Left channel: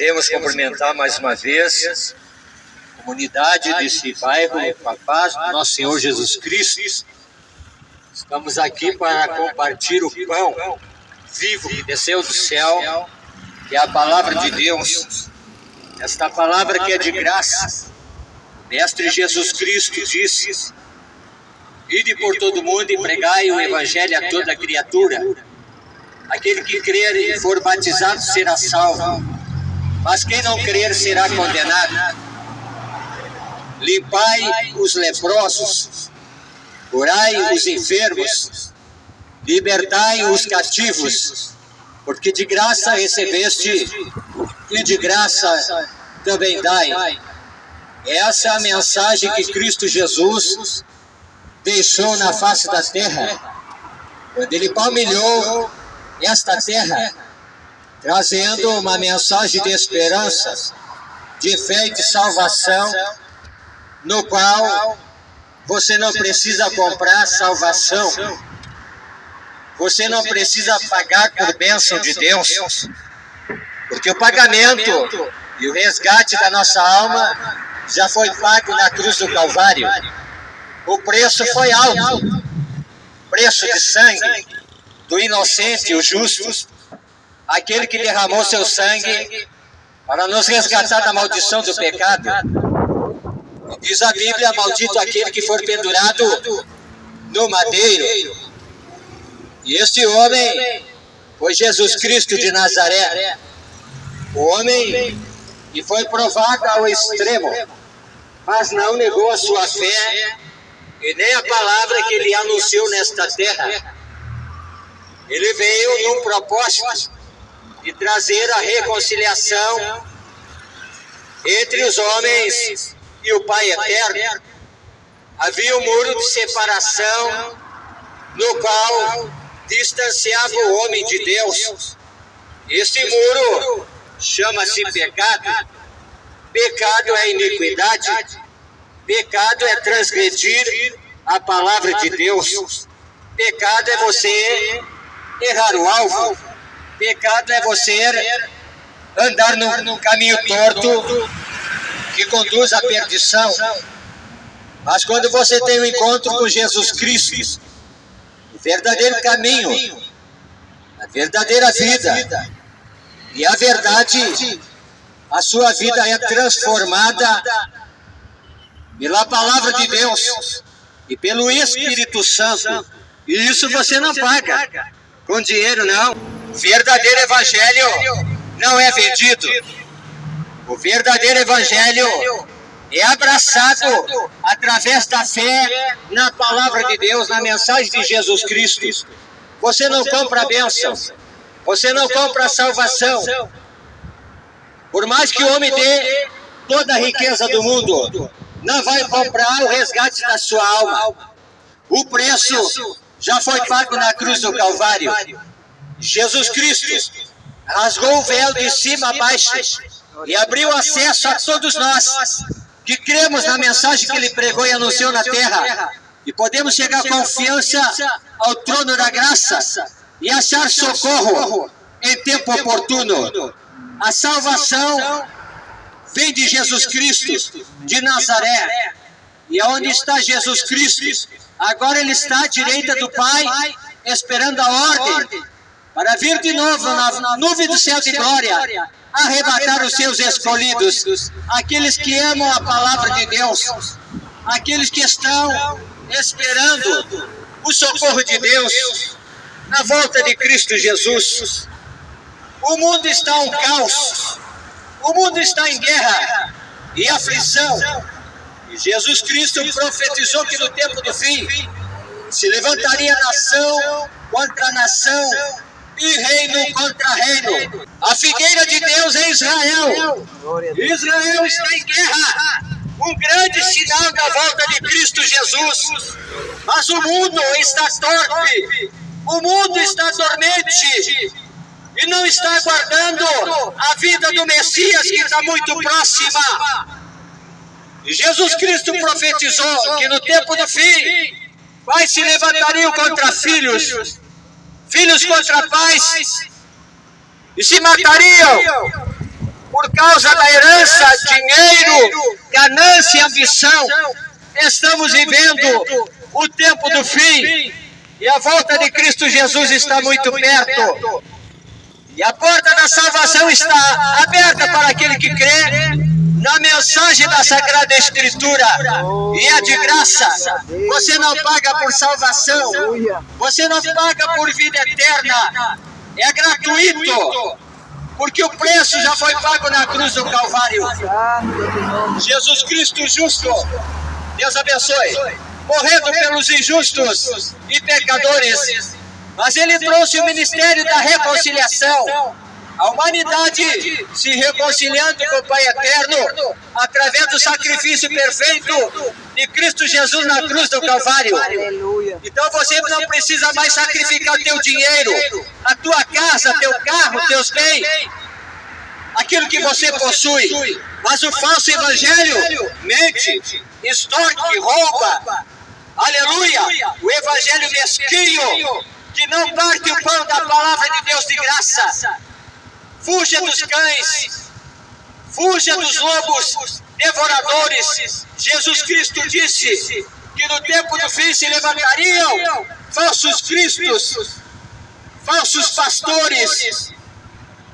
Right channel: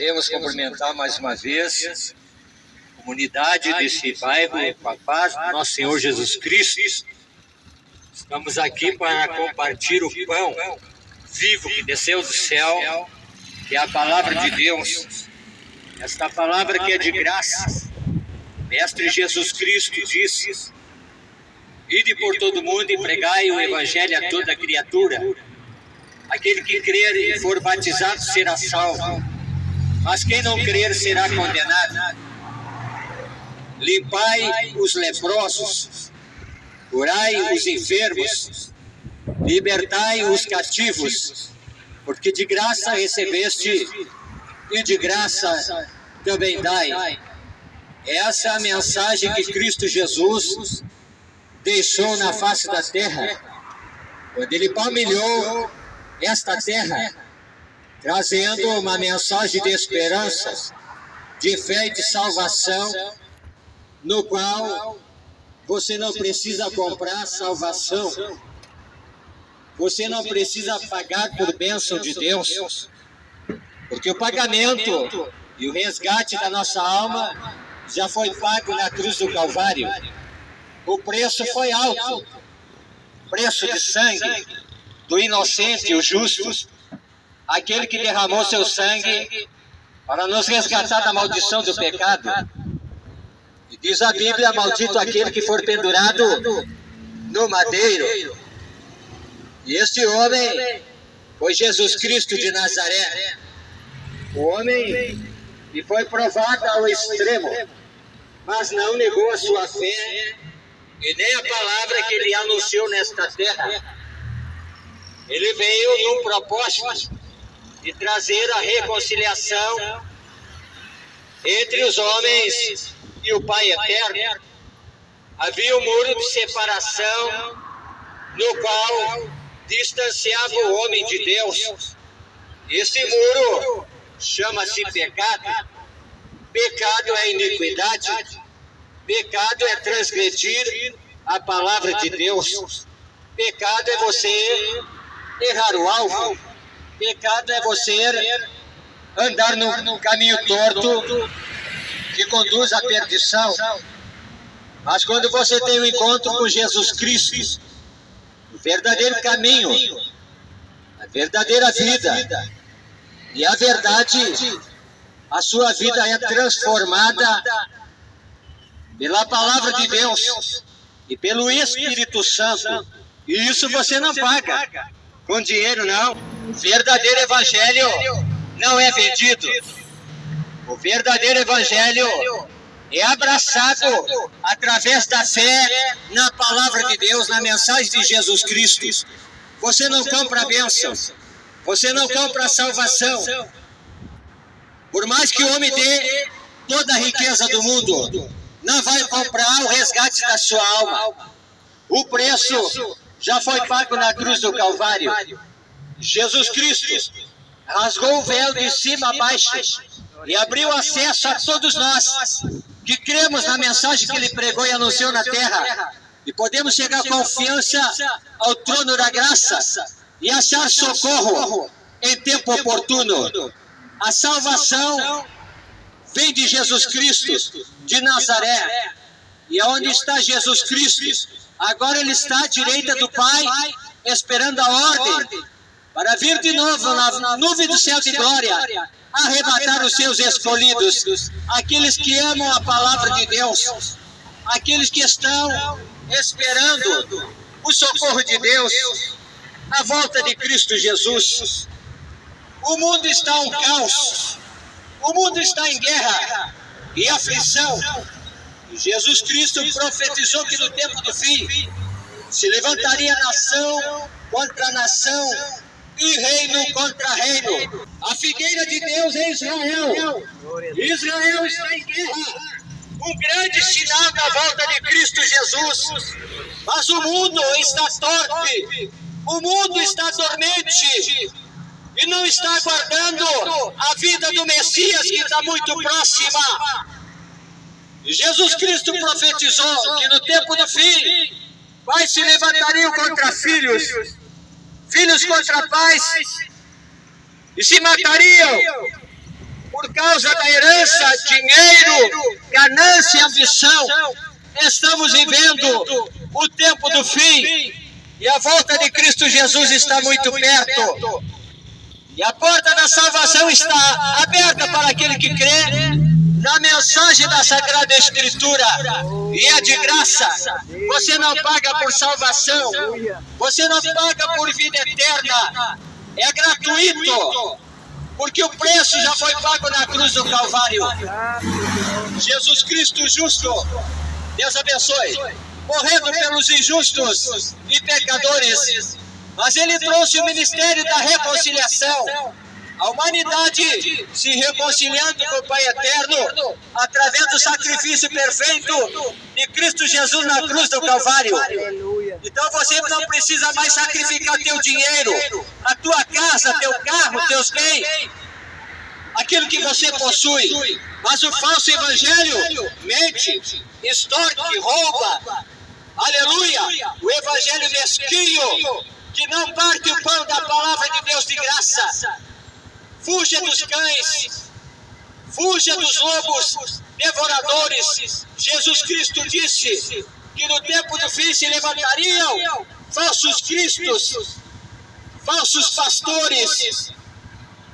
Queremos cumprimentar mais uma vez a comunidade desse bairro, com a paz do nosso Senhor Jesus Cristo. Estamos aqui para compartilhar o pão vivo que desceu do céu, que é a palavra de Deus. Esta palavra que é de graça. Mestre Jesus Cristo disse: ide por todo mundo e pregai o evangelho a toda criatura. Aquele que crer e for batizado será salvo, mas quem não crer será condenado. Limpai os leprosos, curai os enfermos, libertai os cativos, porque de graça recebeste e de graça também dai. Essa é a mensagem que Cristo Jesus deixou na face da terra, quando ele palmilhou esta terra, trazendo uma mensagem de esperança, de fé e de salvação, no qual você não precisa comprar salvação, você não precisa pagar por bênção de Deus, porque o pagamento e o resgate da nossa alma já foi pago na cruz do Calvário. O preço foi alto, preço de sangue do inocente, o justo, aquele que derramou seu sangue para nos resgatar da maldição do pecado. Diz a Bíblia: maldito aquele que for pendurado no madeiro. E este homem foi Jesus Cristo de Nazaré, o homem que foi provado ao extremo, mas não negou a sua fé e nem a palavra que ele anunciou nesta terra. Ele veio num propósito de trazer a reconciliação entre os homens e o Pai eterno. Havia um muro de separação no qual distanciava o homem de Deus. Este muro chama-se pecado. Pecado é iniquidade. Pecado é transgredir a palavra de Deus. Pecado é você errar o alvo. Pecado é você andar no caminho torto que conduz à perdição. Mas quando você tem um encontro com Jesus Cristo, o verdadeiro caminho, a verdadeira vida e a verdade, a sua vida é transformada pela palavra de Deus e pelo Espírito Santo. E isso você não paga com dinheiro, não. O verdadeiro evangelho não é vendido. O verdadeiro evangelho é abraçado através da fé na palavra de Deus, na mensagem de Jesus Cristo. Você não compra a bênção, você não compra a salvação. Por mais que o homem dê toda a riqueza do mundo, não vai comprar o resgate da sua alma. O preço já foi pago na cruz do Calvário. Jesus Cristo rasgou o véu de cima a baixo e abriu acesso a todos nós que cremos na mensagem que ele pregou e anunciou na terra, e podemos chegar com confiança ao trono da graça e achar socorro em tempo oportuno. A salvação vem de Jesus Cristo de Nazaré. E aonde está Jesus Cristo? Agora ele está à direita do Pai, esperando a ordem para vir de novo na nuvem do céu de glória, arrebatar os seus escolhidos, aqueles que amam a palavra de Deus, aqueles que estão esperando o socorro de Deus, a volta de Cristo Jesus. O mundo está um caos, o mundo está em guerra e aflição. E Jesus Cristo profetizou que no tempo do fim se levantaria nação contra nação e reino contra reino. A figueira de Deus é Israel. Israel está em guerra, um grande sinal da volta de Cristo Jesus. Mas o mundo está torpe, o mundo está dormente e não está aguardando a vida do Messias, que está muito próxima. E Jesus Cristo profetizou que no tempo do fim pais se levantariam contra filhos, filhos contra pais, e se matariam. por causa da herança, dinheiro, ganância e ambição, estamos vivendo o tempo do fim e a volta de Cristo Jesus está muito perto. E a porta da salvação está aberta para aquele que crê na mensagem da Sagrada Escritura. E é de graça. Você não paga por salvação. Você não paga por vida eterna. É gratuito. Porque o preço já foi pago na cruz do Calvário. Jesus Cristo justo, Deus abençoe, morrendo pelos injustos e pecadores, mas Ele trouxe o ministério da reconciliação. A humanidade se reconciliando com o Pai Eterno através do sacrifício perfeito de Cristo Jesus na cruz do Calvário. Então você não precisa mais sacrificar teu dinheiro, a tua casa, teu carro, teus bens, aquilo que você possui. Mas o falso evangelho mente, extorque, rouba. Aleluia! O evangelho mesquinho, que não parte o pão da palavra de Deus de graça. Fuja dos cães, fuja dos lobos devoradores. Jesus Cristo disse que no tempo do fim se levantariam falsos cristos, falsos pastores.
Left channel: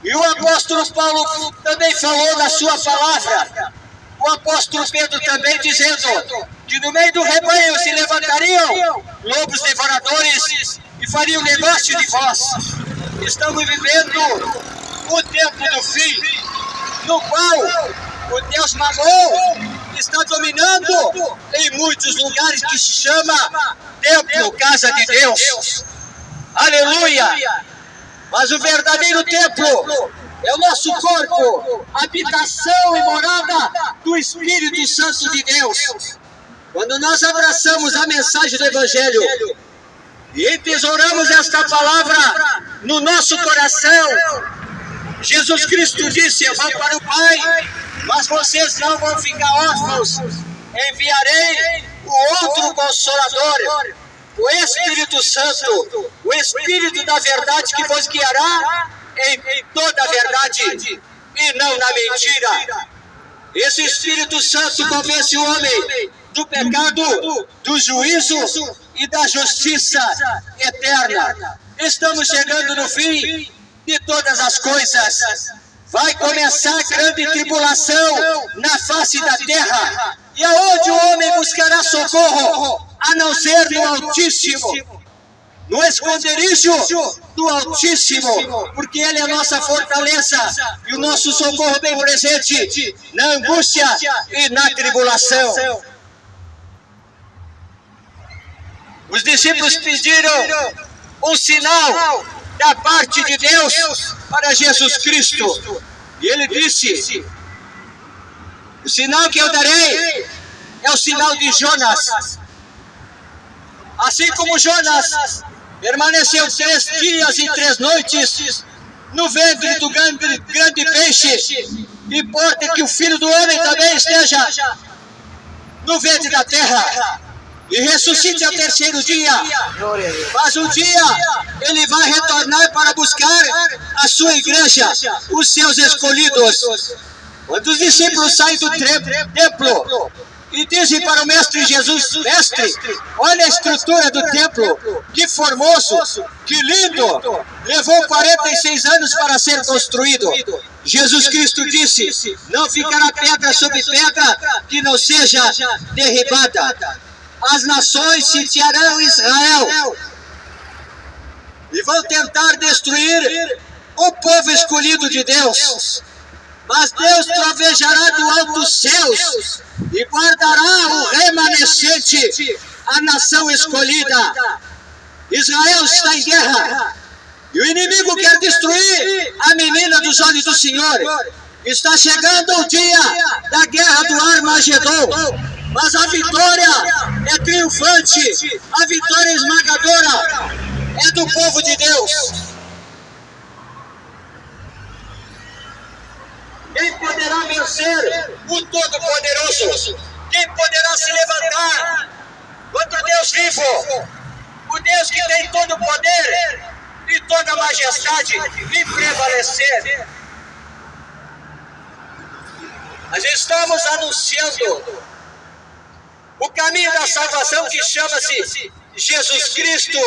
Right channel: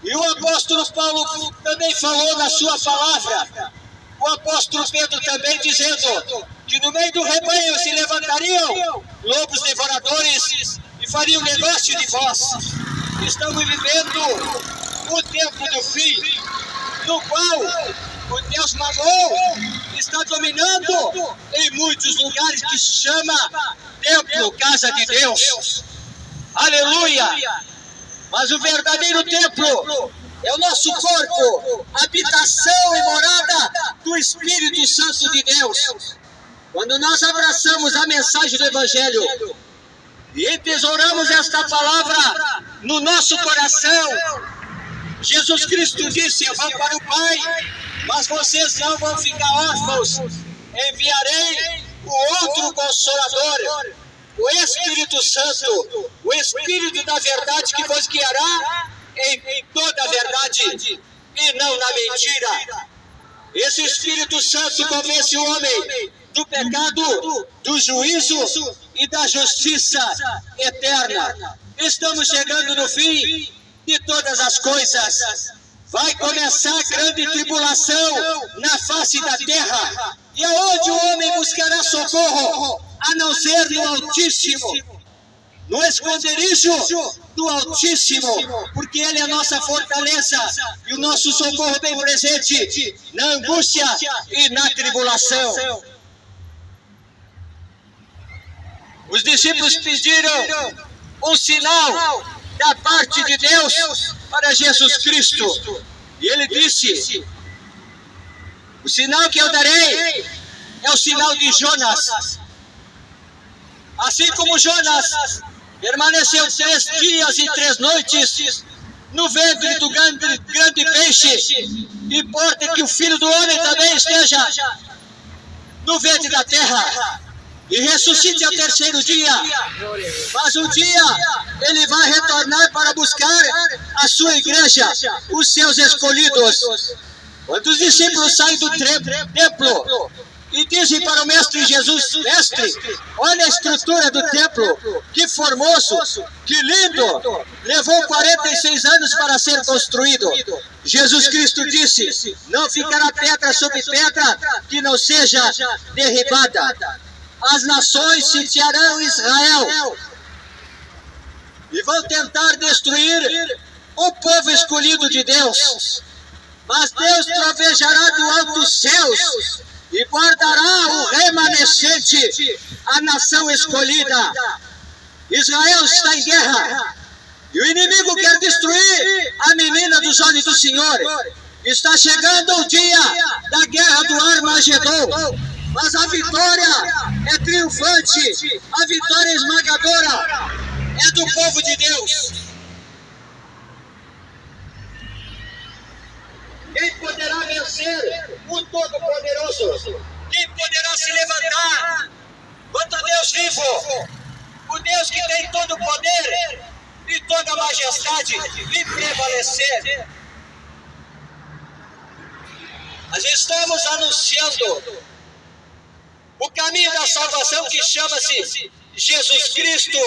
E o apóstolo Paulo também falou na sua palavra, o apóstolo Pedro também dizendo que no meio do rebanho se levantariam lobos devoradores e fariam negócio de vós. Estamos vivendo o tempo do fim, no qual o Deus Mamon está dominando em muitos lugares que se chama templo, casa de Deus. Aleluia! Mas o verdadeiro templo é o nosso corpo, habitação e morada do Espírito Santo de Deus. Quando nós abraçamos a mensagem do Evangelho e entesouramos esta palavra no nosso coração, Jesus Cristo disse: eu vou para o Pai, mas vocês não vão ficar órfãos. Enviarei o outro Consolador, o Espírito Santo, o Espírito da verdade, que vos guiará em toda a verdade e não na mentira. Esse Espírito Santo convence o homem do pecado, do juízo e da justiça eterna. Estamos chegando no fim de todas as coisas. Vai começar a grande tribulação na face da terra. E aonde o homem buscará socorro, a não ser no Altíssimo, no esconderijo do Altíssimo, porque Ele é a nossa fortaleza e o nosso socorro bem presente na angústia e na tribulação. Os discípulos pediram um sinal da parte de Deus para Jesus Cristo. E Ele disse: o sinal que eu darei é o sinal de Jonas. Assim como Jonas permaneceu 3 dias e 3 noites no ventre do grande peixe, importa que o Filho do Homem também esteja no ventre da terra e ressuscite ao 3º dia. Mas um dia Ele vai retornar para buscar a sua igreja, os seus escolhidos. Quando os discípulos saem do templo e dizem para o Mestre Jesus: Mestre, olha a estrutura do templo, que formoso, que lindo, levou 46 anos para ser construído. Jesus Cristo disse: não ficará pedra sobre pedra que não seja derribada. As nações sitiarão Israel e vão tentar destruir o povo escolhido de Deus. Mas Deus trovejará do alto dos céus e guardará o remanescente, a nação escolhida. Israel está em guerra e o inimigo quer destruir a menina dos olhos do Senhor. Está chegando o dia da guerra do Armagedon, mas a vitória é triunfante, a vitória esmagadora é do povo de Deus. Quem poderá vencer o Todo-Poderoso? Quem poderá se levantar contra Deus vivo? O Deus que tem todo o poder e toda a majestade e prevalecer. Nós estamos anunciando o caminho da salvação que chama-se Jesus Cristo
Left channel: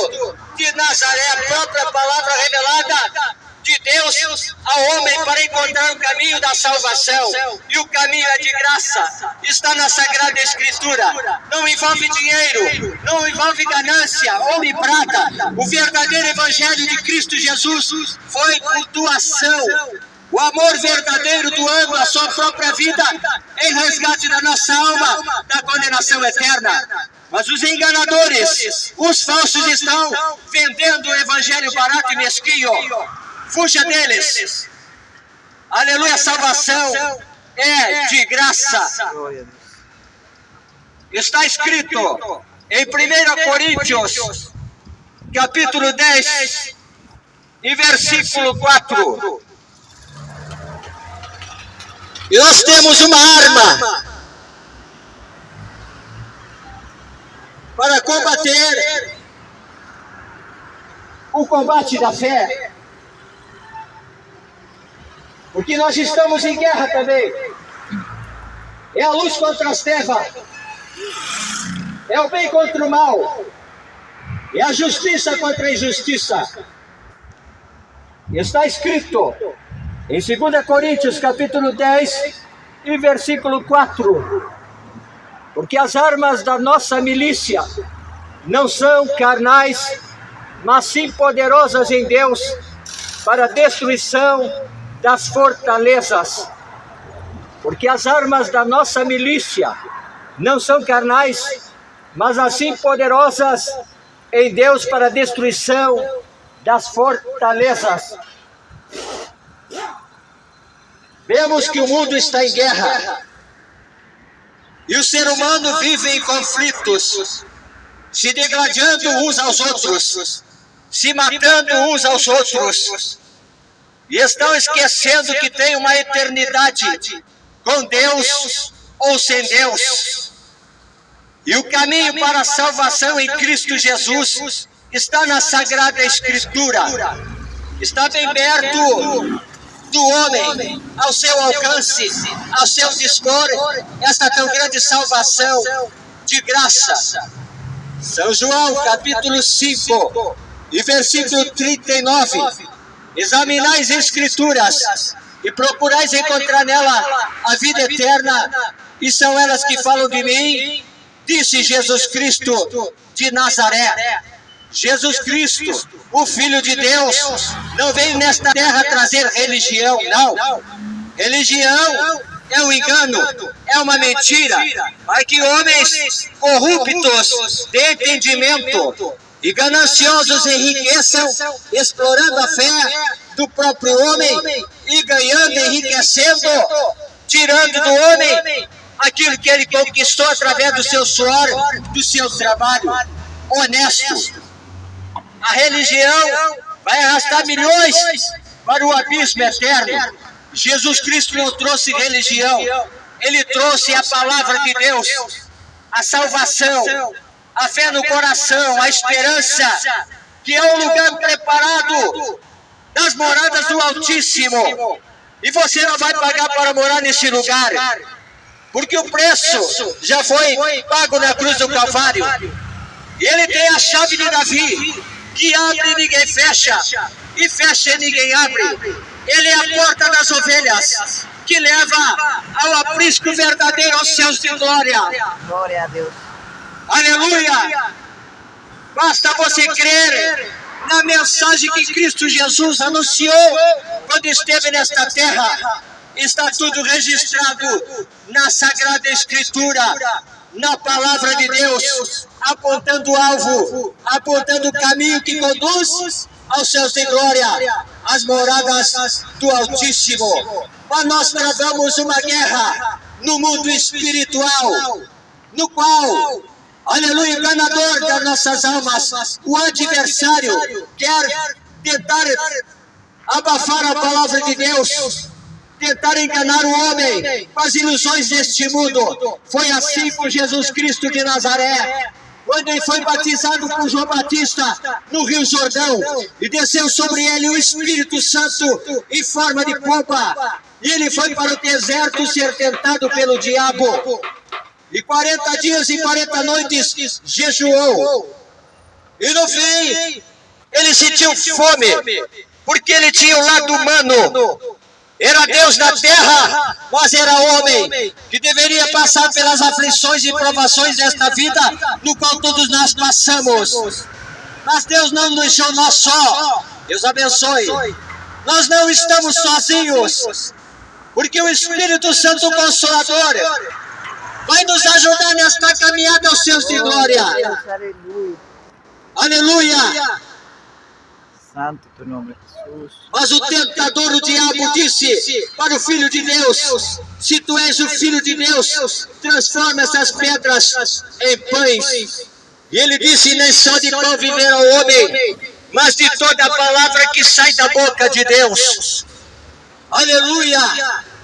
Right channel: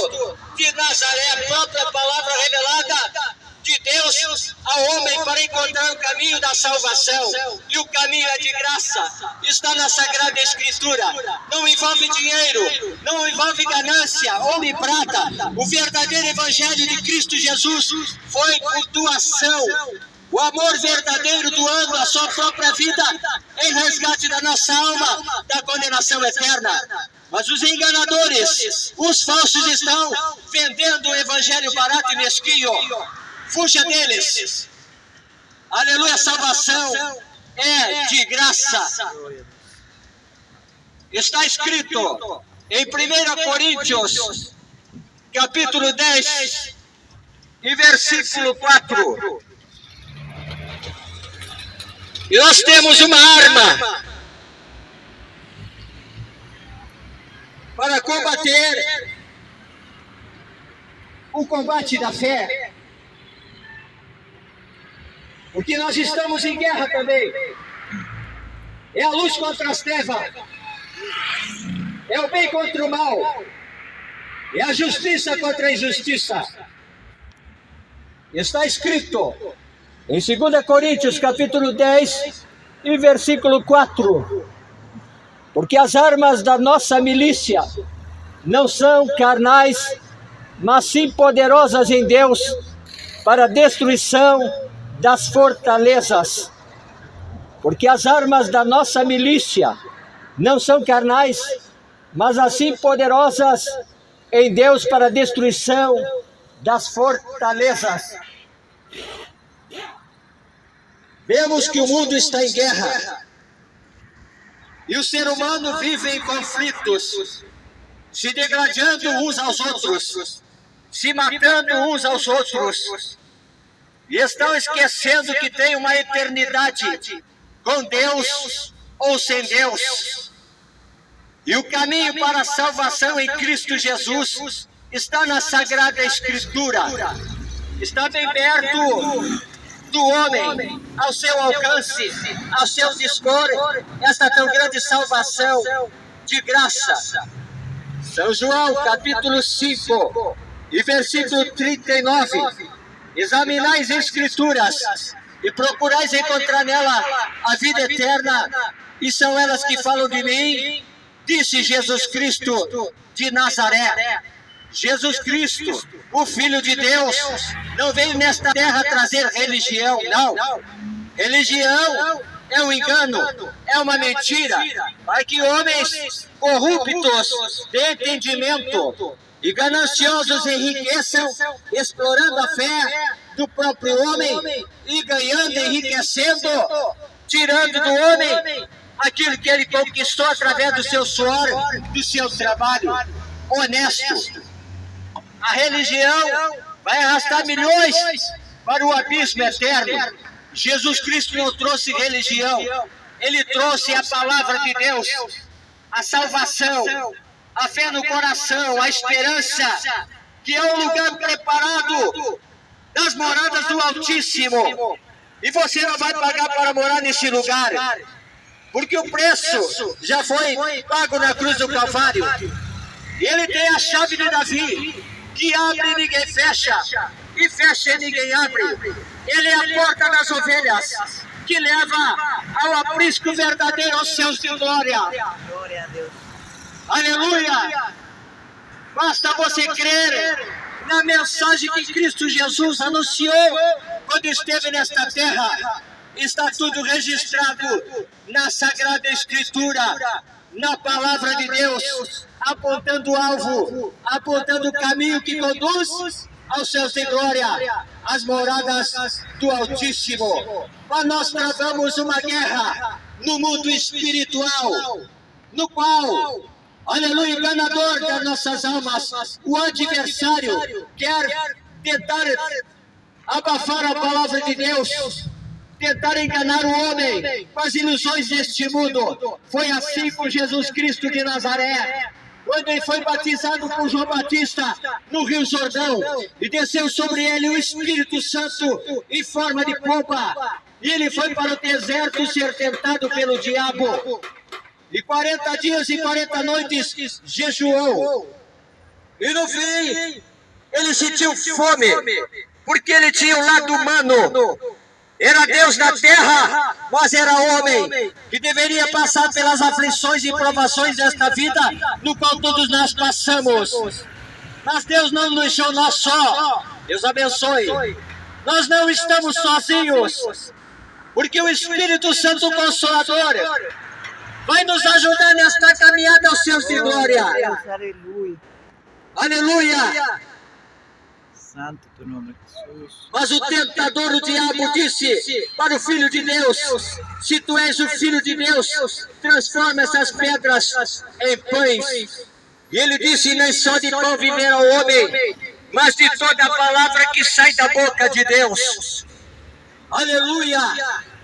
de Nazaré, a própria palavra revelada de Deus ao homem para encontrar o caminho da salvação. E o caminho é de graça, está na Sagrada Escritura. Não envolve dinheiro, não envolve ganância, ouro e prata. O verdadeiro Evangelho de Cristo Jesus foi por doação. O amor verdadeiro doando a sua própria vida em resgate da nossa alma da condenação eterna. Mas os enganadores, os falsos estão vendendo o evangelho barato e mesquinho. Fuja deles. Aleluia, a salvação é de graça. Está escrito em 1 Coríntios, capítulo 10, e versículo 4. E nós temos uma arma para combater o combate da fé. Porque nós estamos em guerra também. É a luz contra as trevas. É o bem contra o mal. É a justiça contra a injustiça. Está escrito em 2 Coríntios capítulo 10 e versículo 4. Porque as armas da nossa milícia não são carnais, mas sim poderosas em Deus para a destruição das fortalezas. Porque as armas da nossa milícia não são carnais, mas assim poderosas em Deus para a destruição das fortalezas. Vemos que o mundo está em guerra. E o ser humano vive em conflitos, se degradando uns aos outros, se matando uns aos outros. E estão esquecendo que tem uma eternidade com Deus ou sem Deus. E o caminho para a salvação em Cristo Jesus está na Sagrada Escritura. Está bem perto do homem, ao seu alcance, ao seu dispor, esta tão grande salvação de graça. São João, capítulo 5, e versículo 39. Examinais as Escrituras e procurais encontrar nela a vida eterna, e são elas que falam de mim, disse Jesus Cristo de Nazaré. Jesus Cristo, o Filho de Deus, não veio nesta terra trazer religião, não. Religião é um engano, é uma mentira, para que homens corruptos de entendimento e gananciosos enriqueçam, explorando a fé do próprio homem e ganhando, enriquecendo, tirando do homem aquilo que ele conquistou através do seu suor, do seu trabalho honesto. A religião vai arrastar milhões para o abismo eterno. Jesus Cristo não trouxe religião, Ele trouxe a palavra de Deus, a salvação, a fé no coração, a esperança, que é um lugar preparado nas moradas do Altíssimo. E você não vai pagar para morar nesse lugar, porque o preço já foi pago na cruz do Calvário. E Ele tem a chave de Davi, que abre e ninguém fecha, e fecha e ninguém abre. Ele é a porta das ovelhas, que leva ao aprisco verdadeiro aos céus de glória. Glória a Deus. Aleluia! Basta você crer na mensagem que Cristo Jesus anunciou quando esteve nesta terra. Está tudo registrado na Sagrada Escritura, na Palavra de Deus, apontando o alvo, apontando o caminho que conduz aos céus de glória, às moradas do Altíssimo. Mas nós travamos uma guerra no mundo espiritual, no qual, aleluia, o ganador das nossas almas, o adversário, quer tentar abafar a palavra de Deus, tentar enganar o homem com as ilusões deste mundo. Foi assim com Jesus Cristo de Nazaré, quando ele foi batizado por João Batista no Rio Jordão, e desceu sobre ele o Espírito Santo em forma de pomba. E ele foi para o deserto ser tentado pelo diabo. E 40 dias e 40 noites jejuou. E no fim, ele sentiu fome, porque ele tinha um lado humano. Era Deus na terra, mas era homem, que deveria passar pelas aflições e provações desta vida, no qual todos nós passamos. Mas Deus não nos deixou nós só. Deus abençoe. Nós não estamos sozinhos, porque o Espírito Santo Consolador vai nos ajudar nesta caminhada aos céus de glória. Aleluia. Aleluia. Santo teu nome, Jesus. Mas o tentador, o diabo, disse para o Filho de Deus: se tu és o Filho de Deus, transforma essas pedras em pães. E ele disse: nem só de pão viverá o homem, mas de toda a palavra que sai da boca de Deus. Aleluia!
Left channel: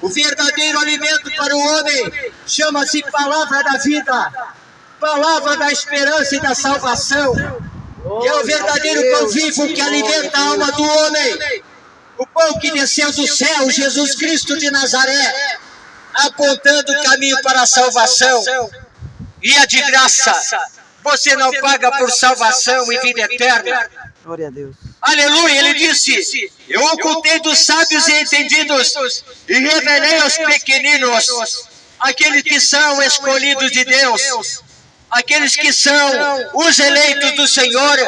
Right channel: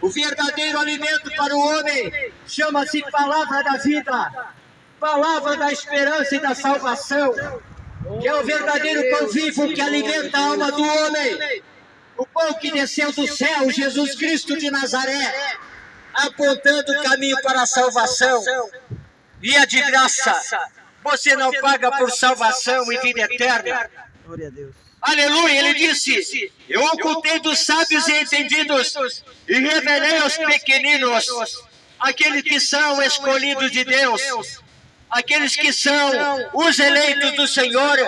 O verdadeiro alimento para o homem chama-se palavra da vida, palavra da esperança e da salvação, que é o verdadeiro pão vivo que alimenta a alma do homem. O pão que desceu do céu, Jesus Cristo de Nazaré, apontando o caminho para a salvação. E é de graça. Você não paga por salvação e vida eterna. Glória a Deus. Aleluia, ele disse: eu ocultei dos sábios e entendidos e revelei aos pequeninos, aqueles que são escolhidos de Deus, aqueles que são os eleitos do Senhor,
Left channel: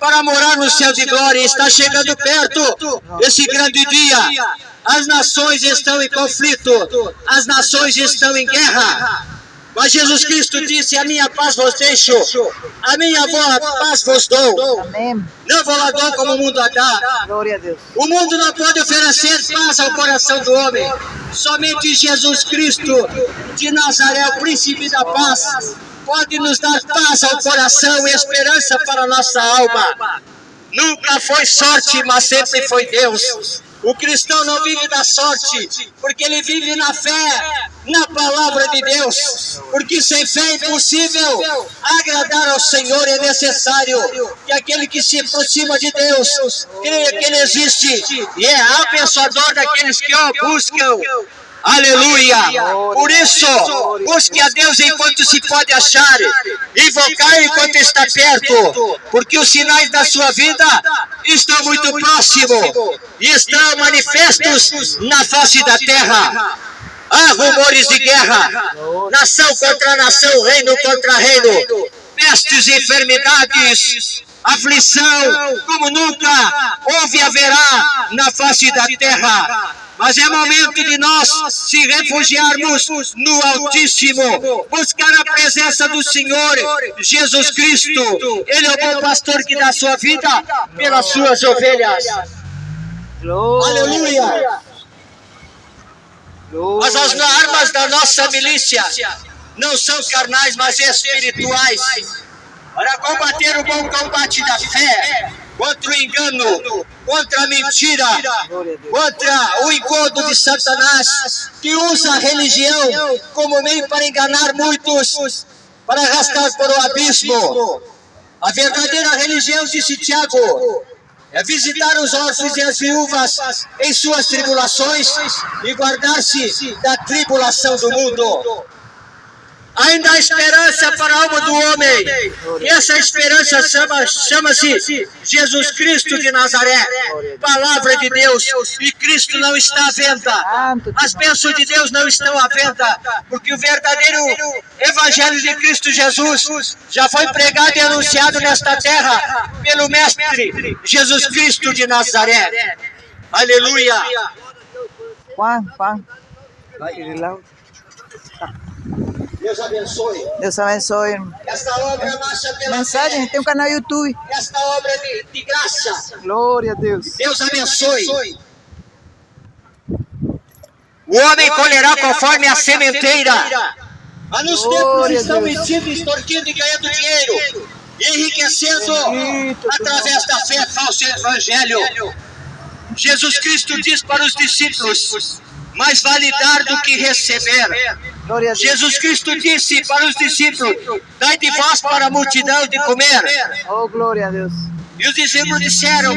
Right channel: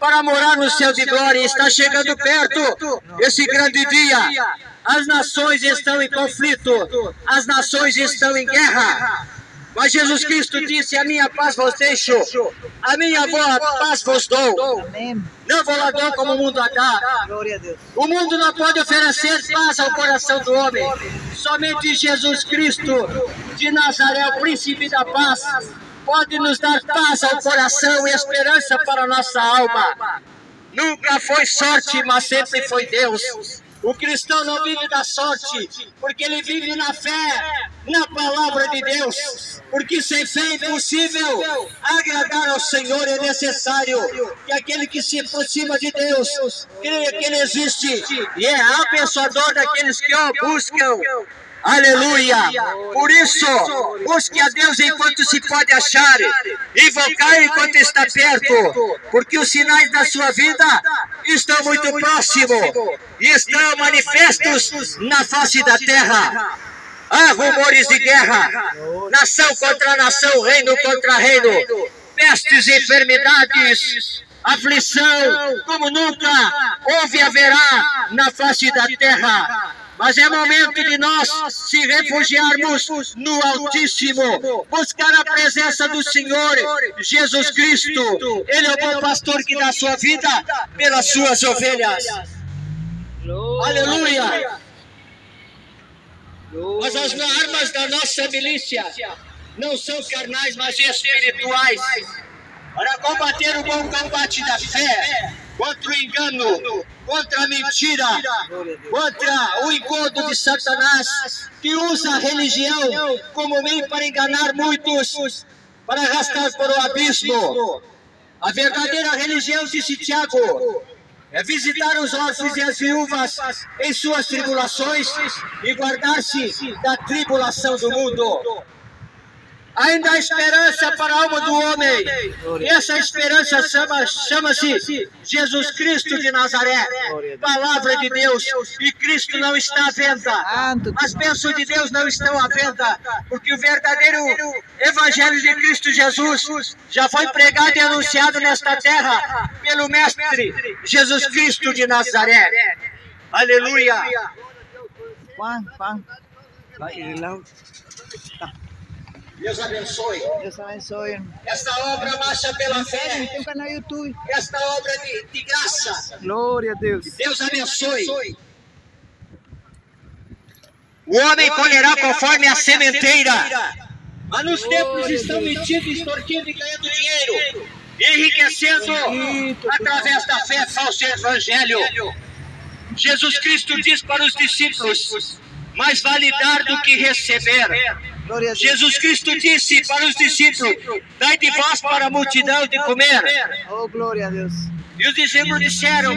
para morar no céu de glória. Está chegando perto esse grande dia. As nações estão em conflito, as nações estão em guerra. Mas Jesus Cristo disse: a minha paz vos deixo, a minha paz vos dou. Amém. Não vos a dou como o mundo a dá. Glória a Deus. O mundo não pode oferecer paz ao coração do homem. Somente Jesus Cristo de Nazaré, o príncipe da paz, pode nos dar paz ao coração e esperança para a nossa alma. Nunca foi sorte, mas sempre foi Deus. O cristão não vive da sorte, porque ele vive na fé, na palavra de Deus. Porque sem fé é impossível agradar ao Senhor. É necessário que aquele que se aproxima de Deus creia que Ele existe e é abençoador daqueles que o buscam. Aleluia! Por isso, busque a Deus enquanto se pode achar, invocar enquanto está perto, porque os sinais da sua vida estão muito próximos e estão manifestos na face da terra. Há rumores de guerra, nação contra nação, reino contra reino, pestes e enfermidades, aflição como nunca houve e haverá na face da terra. Mas é momento de nós se refugiarmos no Altíssimo, buscar a presença do Senhor Jesus Cristo. Ele é o bom pastor que dá sua vida pelas suas ovelhas. Glória. Aleluia! Mas as armas da nossa milícia não são carnais, mas espirituais, para combater o bom combate da fé, contra o engano, contra a mentira, contra o engodo de Satanás, que usa a religião como meio para enganar muitos, para arrastar para o abismo. A verdadeira religião, disse Tiago, é visitar os órfãos e as viúvas em suas tribulações e guardar-se da tribulação do mundo. Ainda há esperança para a alma do homem. E essa esperança chama-se Jesus Cristo de Nazaré, palavra de Deus. E Cristo não está à venda. As bênçãos de Deus não estão à venda, porque o verdadeiro Evangelho de Cristo Jesus já foi pregado e anunciado nesta terra pelo Mestre Jesus Cristo de Nazaré. Aleluia! Juan. Deus abençoe. Deus abençoe. Esta obra marcha pela Mensagem, fé. tem um canal no YouTube. Esta obra é de graça. Glória a Deus. Deus abençoe. O homem colherá conforme a sementeira. Mas nos tempos estão mentindo, extorquindo e ganhando dinheiro, enriquecendo através da fé falsa e evangelho. Jesus Cristo diz para os discípulos: mais vale dar do que receber. Glória a Deus. Jesus Cristo disse para os discípulos: dai de vós para a multidão de comer. Oh, glória a Deus. E os discípulos disseram:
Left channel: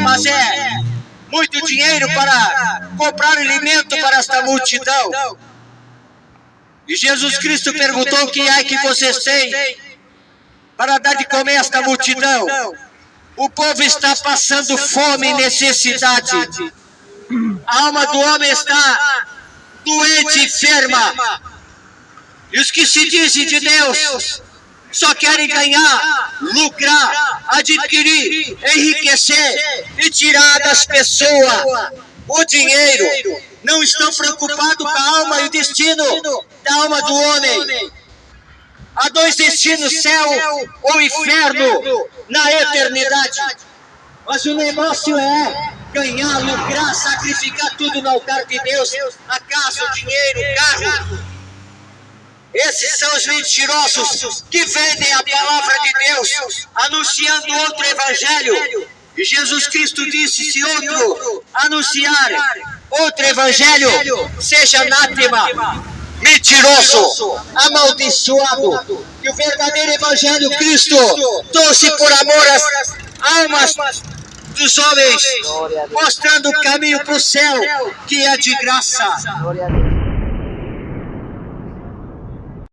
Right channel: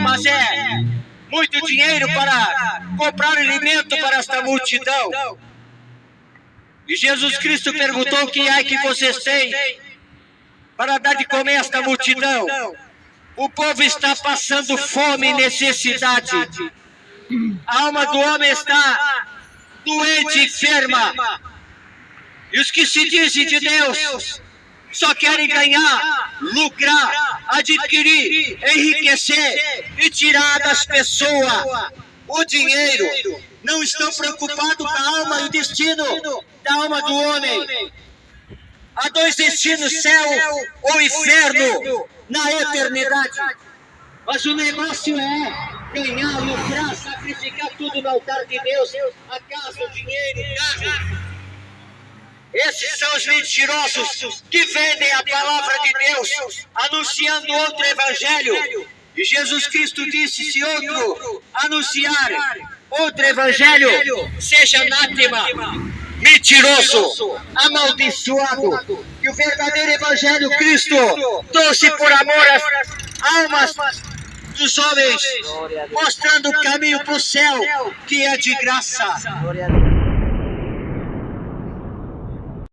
muito dinheiro para comprar alimento para esta multidão. E Jesus Cristo perguntou: o que é que vocês têm para dar de comer a esta multidão? O povo está passando fome e necessidade. A alma do homem está doente e enferma. E os que se dizem de Deus só querem ganhar, lucrar, adquirir, enriquecer e tirar das pessoas o dinheiro. Não estão preocupados com a alma e o destino da alma do homem. Há dois destinos, céu ou inferno, na eternidade. Mas o negócio é ganhar, lucrar, sacrificar tudo no altar de Deus, a casa, o dinheiro, o carro. Esses são os mentirosos que vendem a palavra de Deus, anunciando outro evangelho. E Jesus Cristo disse: se outro anunciar outro evangelho, seja anátema, mentiroso, amaldiçoado. E o verdadeiro evangelho Cristo trouxe por amor às almas dos homens, mostrando o caminho para o céu, que é de graça.